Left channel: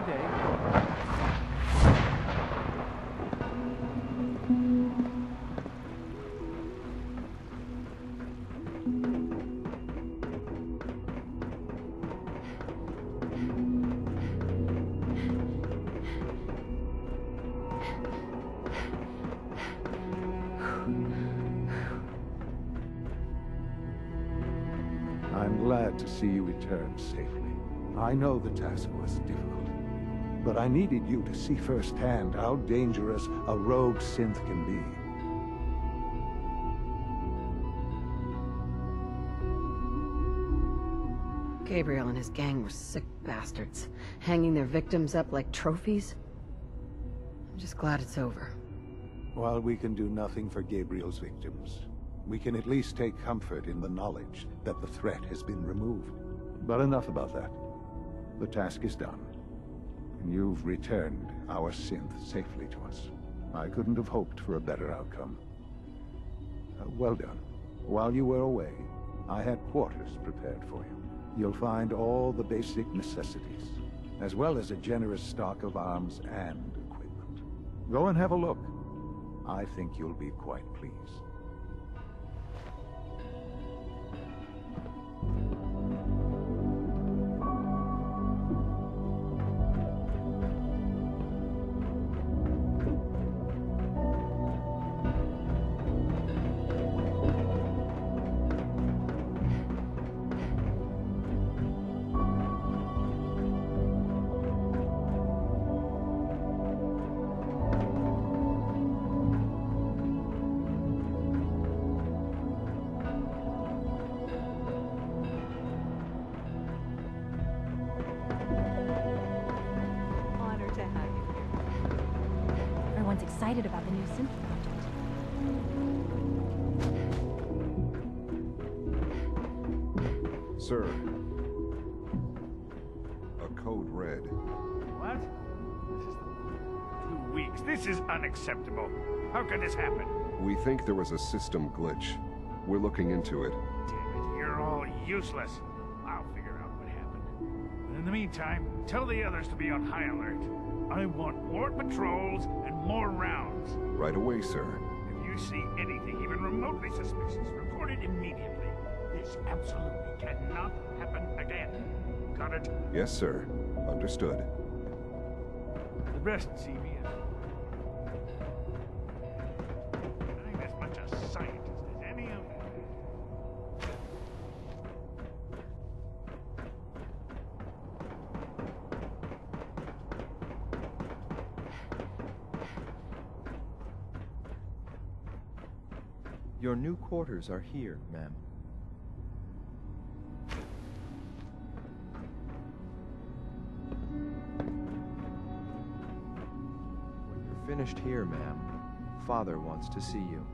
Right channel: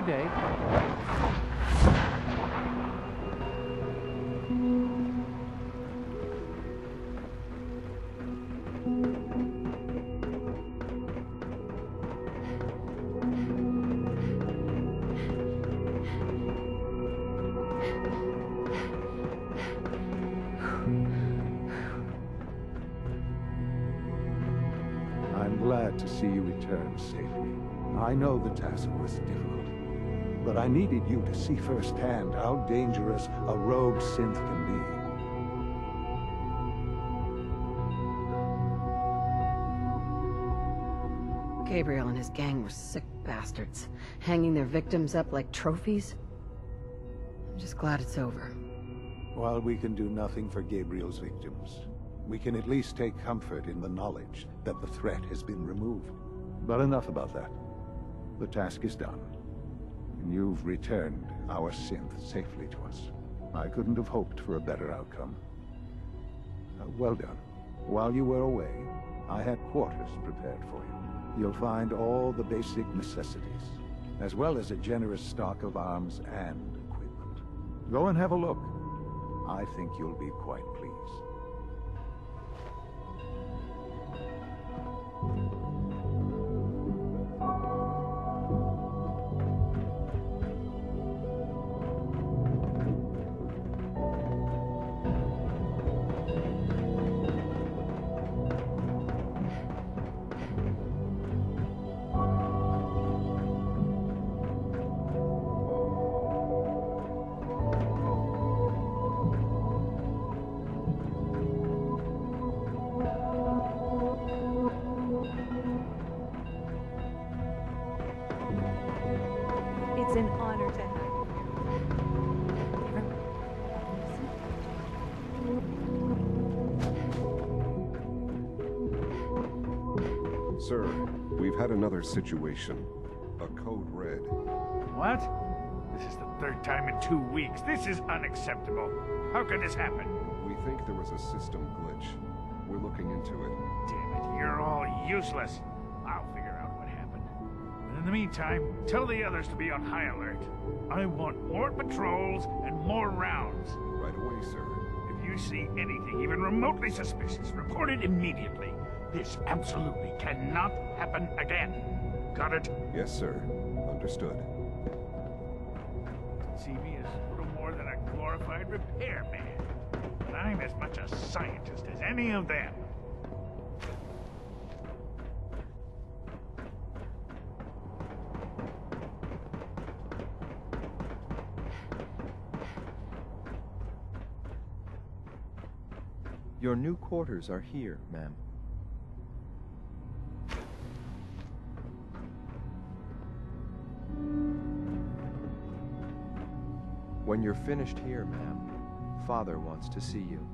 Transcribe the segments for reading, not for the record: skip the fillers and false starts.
Good day. I'm glad to see you return safely. I know the task was difficult, but I needed you to see firsthand how dangerous a rogue synth can be. Gabriel and his gang were sick bastards, hanging their victims up like trophies. I'm just glad it's over. While we can do nothing for Gabriel's victims, we can at least take comfort in the knowledge that the threat has been removed. But enough about that. The task is done, and you've returned our synth safely to us. I couldn't have hoped for a better outcome. Well done. While you were away, I had quarters prepared for you. You'll find all the basic necessities, as well as a generous stock of arms and equipment. Go and have a look. I think you'll be quite pleased. It's an honor to have you here. Everyone's excited about the new synth project. Sir, we've had another situation. A code red. What? This is the third time in 2 weeks. This is unacceptable. How could this happen? We think there was a system glitch. We're looking into it. Damn it, you're all useless. I'll figure out what happened. But in the meantime, tell the others to be on high alert. I want more patrols and more rounds. Right away, sir. If you see anything even remotely suspicious, report it immediately. This absolutely cannot happen again. Got it? Yes, sir. Understood. The rest see me as little more than a glorified repairman. And I'm as much a scientist as any of them. Your new quarters are here, ma'am. When you're finished here, ma'am, Father wants to see you.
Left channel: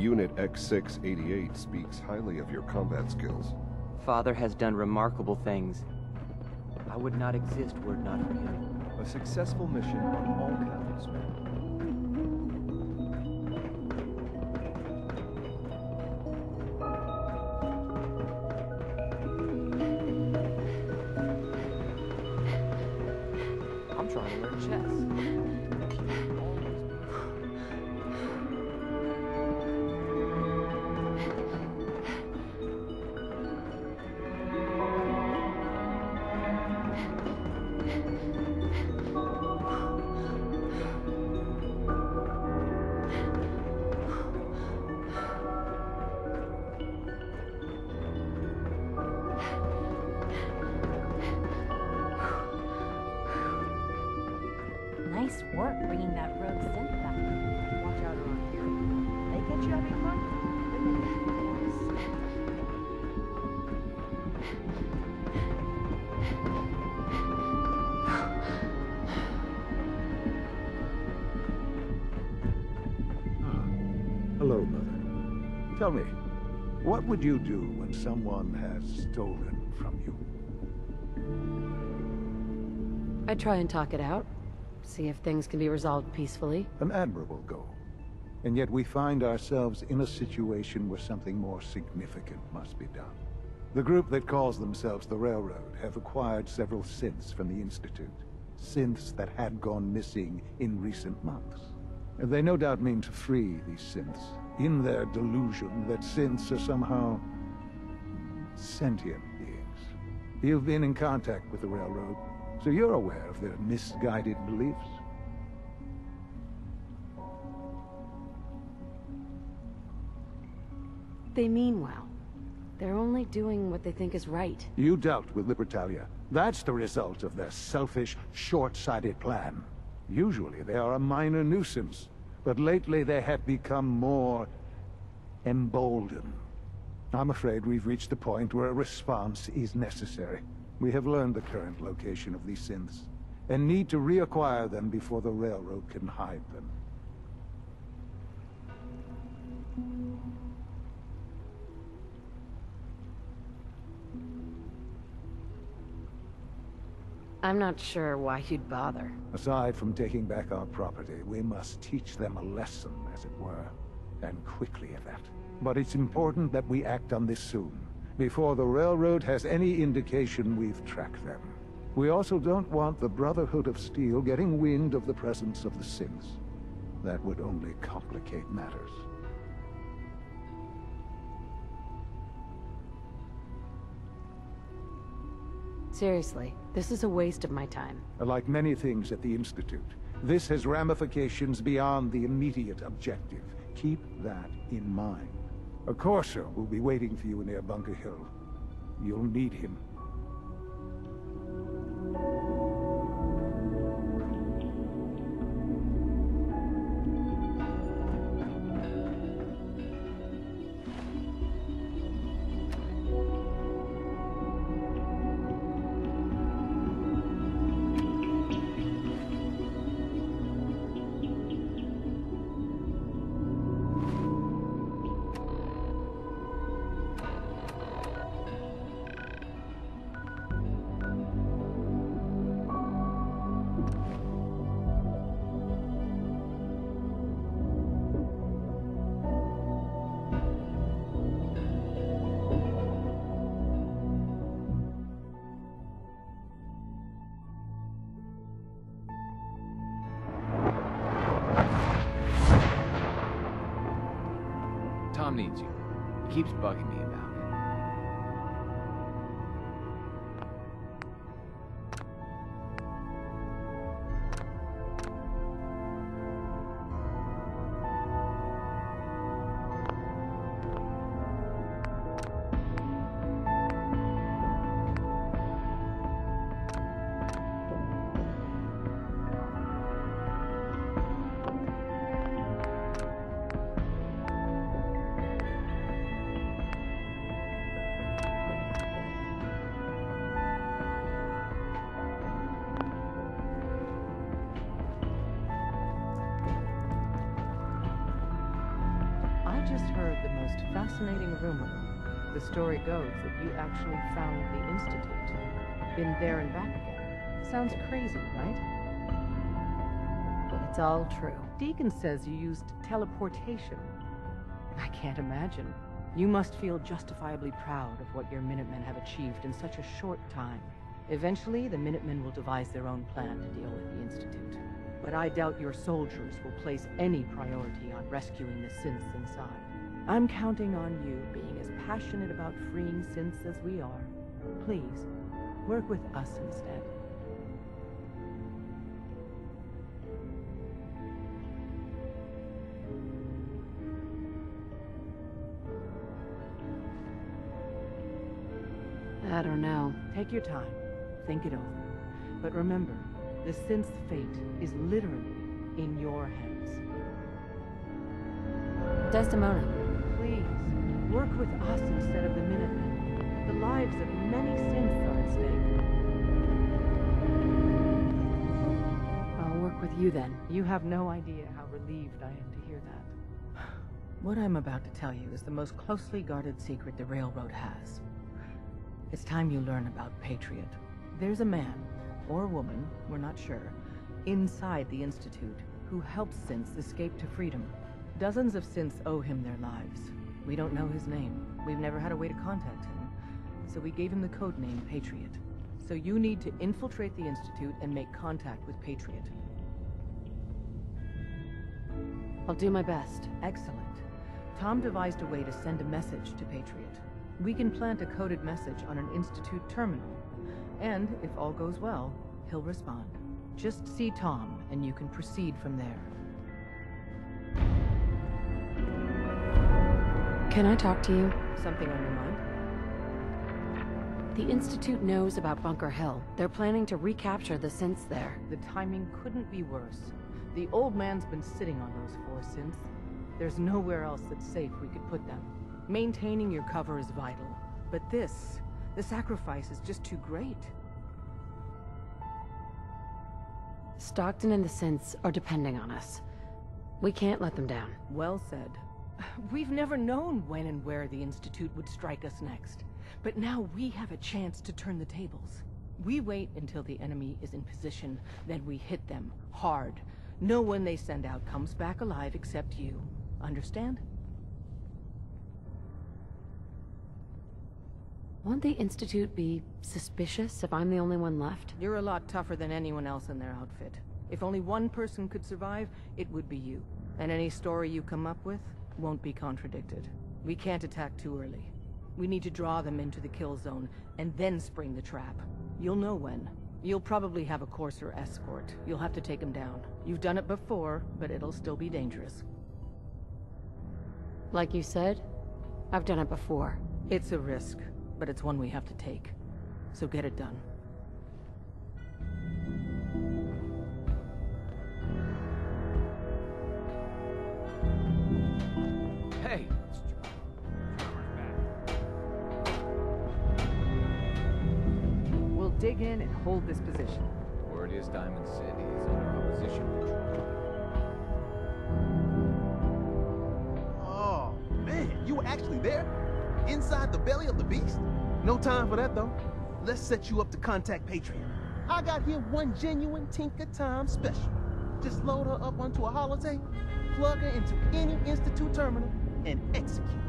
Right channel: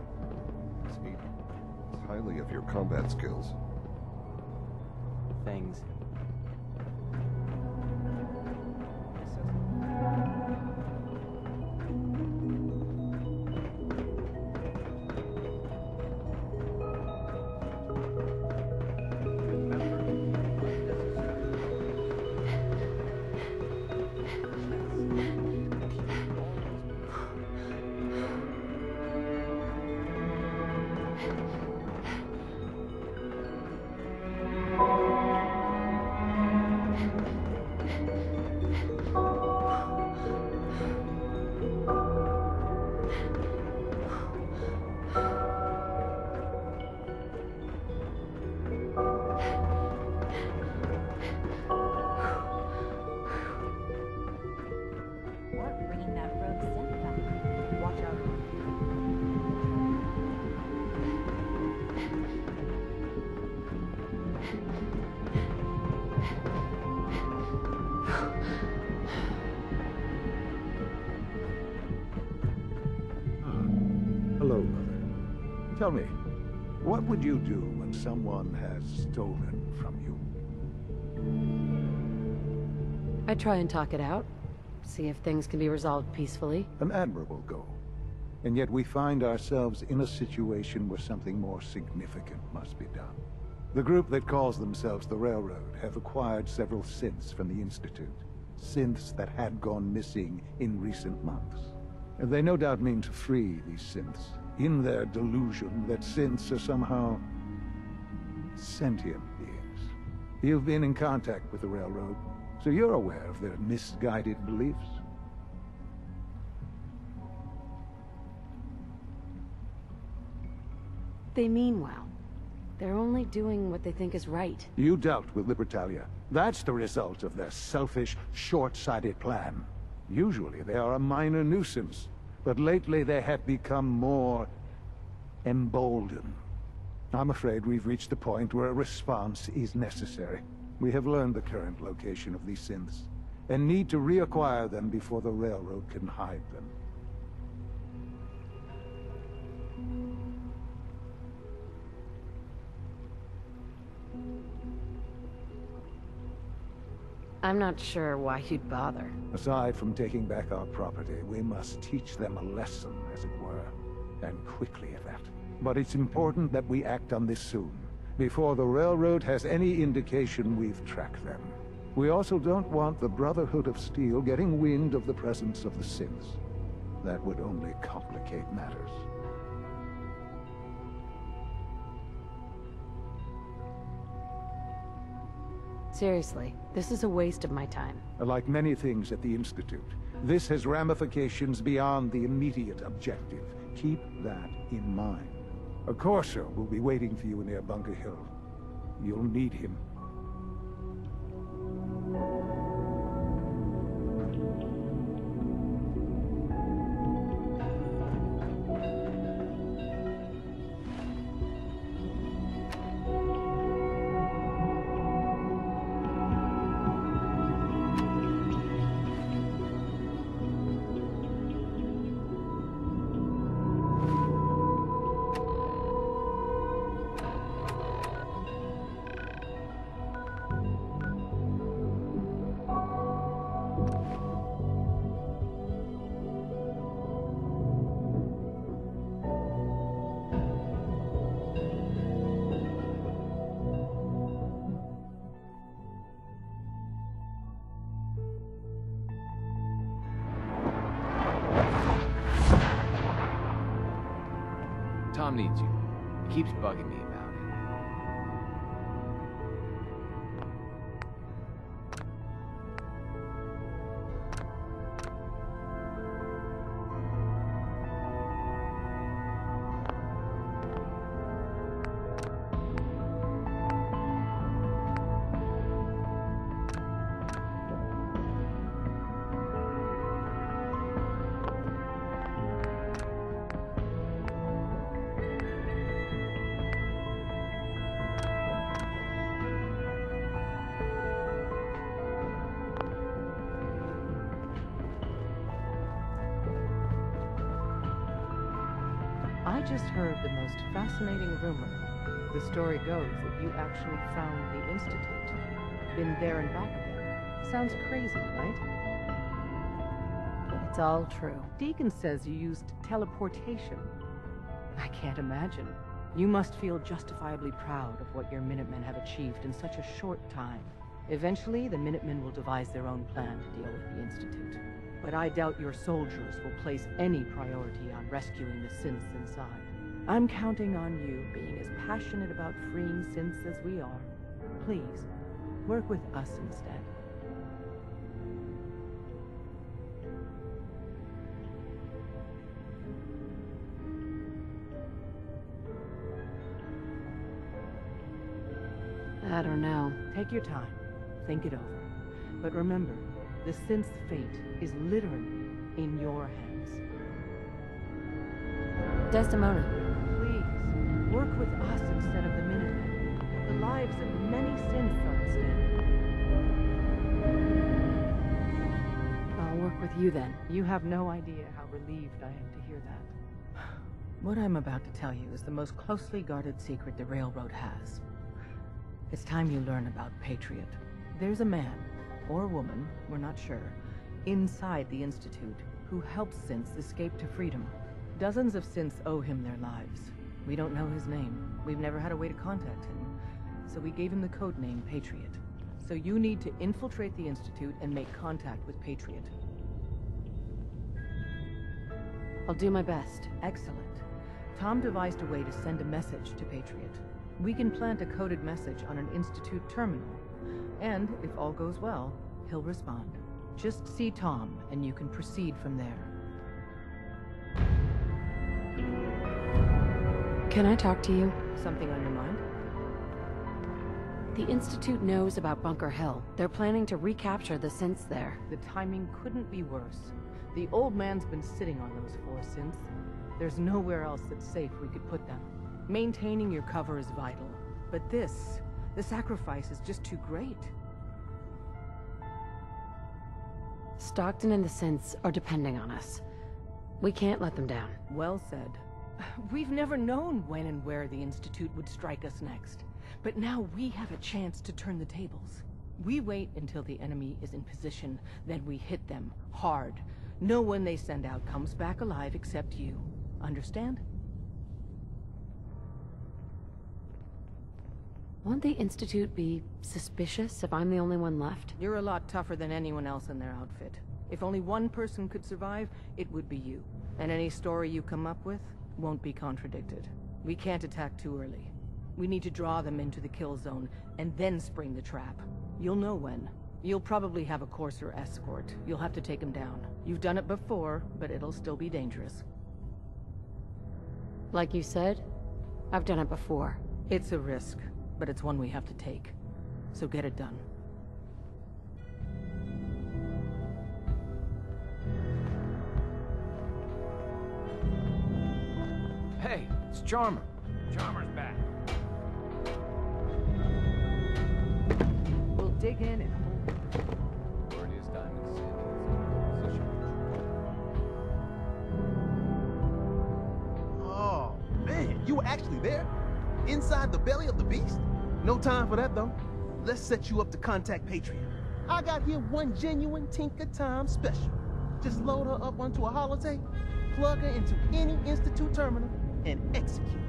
Unit X688 speaks highly of your combat skills. Father has done remarkable things. I would not exist were it not for him. A successful mission on all counts. I'm trying to learn chess. Nice work bringing that rogue synth back. Watch out around here. They get you every time. Hello, Mother. Tell me, What would you do when someone has stolen from you? I try and talk it out. See if things can be resolved peacefully. An admirable goal. And yet we find ourselves in a situation where something more significant must be done. The group that calls themselves the Railroad have acquired several synths from the Institute. Synths that had gone missing in recent months. They no doubt mean to free these synths, in their delusion that synths are somehow sentient beings. You've been in contact with the Railroad, so you're aware of their misguided beliefs. They mean well. They're only doing what they think is right. You dealt with Libertalia. That's the result of their selfish, short-sighted plan. Usually they are a minor nuisance, but lately they have become more emboldened. I'm afraid we've reached the point where a response is necessary. We have learned the current location of these synths, and need to reacquire them before the Railroad can hide them. I'm not sure why you'd bother. Aside from taking back our property, we must teach them a lesson, as it were. And quickly at that. But it's important that we act on this soon, before the Railroad has any indication we've tracked them. We also don't want the Brotherhood of Steel getting wind of the presence of the synths. That would only complicate matters. Seriously, this is a waste of my time. Like many things at the Institute, this has ramifications beyond the immediate objective. Keep that in mind. A Corsair will be waiting for you near Bunker Hill. You'll need him. Tom needs you. He keeps bugging me about it. I just heard the most fascinating rumor. The story goes that you actually found the Institute. Been there and back again. Sounds crazy, right? It's all true. Deacon says you used teleportation. I can't imagine. You must feel justifiably proud of what your Minutemen have achieved in such a short time. Eventually, the Minutemen will devise their own plan to deal with the Institute. But I doubt your soldiers will place any priority on rescuing the synths inside. I'm counting on you being as passionate about freeing synths as we are. Please, work with us instead. I don't know. Take your time. Think it over. But remember, the synth's fate is literally in your hands. Desdemona. Please, work with us instead of the Minutemen. The lives of many synths are at stake. I'll work with you then. You have no idea how relieved I am to hear that. What I'm about to tell you is the most closely guarded secret the Railroad has. It's time you learn about Patriot. There's a man, or woman, we're not sure, inside the Institute who helps synths escape to freedom. Dozens of synths owe him their lives. We don't know his name. We've never had a way to contact him. So we gave him the code name Patriot. So you need to infiltrate the Institute and make contact with Patriot. I'll do my best. Excellent. Tom devised a way to send a message to Patriot. We can plant a coded message on an Institute terminal. And, if all goes well, he'll respond. Just see Tom, and you can proceed from there. Can I talk to you? Something on your mind? The Institute knows about Bunker Hill. They're planning to recapture the synths there. The timing couldn't be worse. The old man's been sitting on those 4 synths. There's nowhere else that's safe we could put them. Maintaining your cover is vital. But the sacrifice is just too great. Stockton and the synths are depending on us. We can't let them down. Well said. We've never known when and where the Institute would strike us next. But now we have a chance to turn the tables. We wait until the enemy is in position, then we hit them hard. No one they send out comes back alive except you. Understand? Won't the Institute be suspicious if I'm the only one left? You're a lot tougher than anyone else in their outfit. If only one person could survive, it would be you. And any story you come up with won't be contradicted. We can't attack too early. We need to draw them into the kill zone, and then spring the trap. You'll know when. You'll probably have a Courser escort. You'll have to take them down. You've done it before, but it'll still be dangerous. Like you said, I've done it before. It's a risk, but it's one we have to take. So get it done. Hey, it's Charmer. Charmer's back. We'll dig in and hold this position. Word is Diamond City is under position control. Oh, man, you were actually there? Inside the belly of the beast? No time for that, though. Let's set you up to contact Patriot. I got here one genuine Tinker Time special. Just load her up onto a holotape, plug her into any Institute terminal, and execute.